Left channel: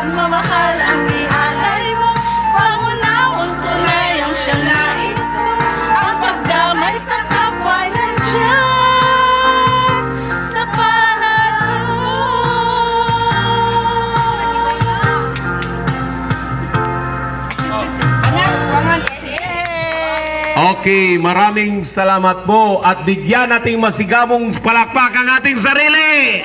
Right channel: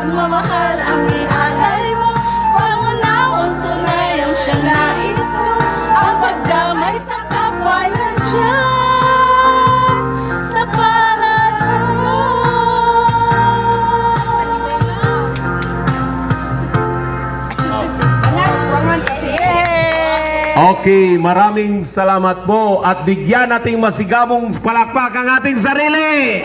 pagmamahal ang ialay mo. Pangunawang tunay ang siyang nais ko. Ang pagdamay sa kapwa nandyan sa palad ko. Okay, maraming salamat po at bigyan nating masigabong palakpak ang ating sarili.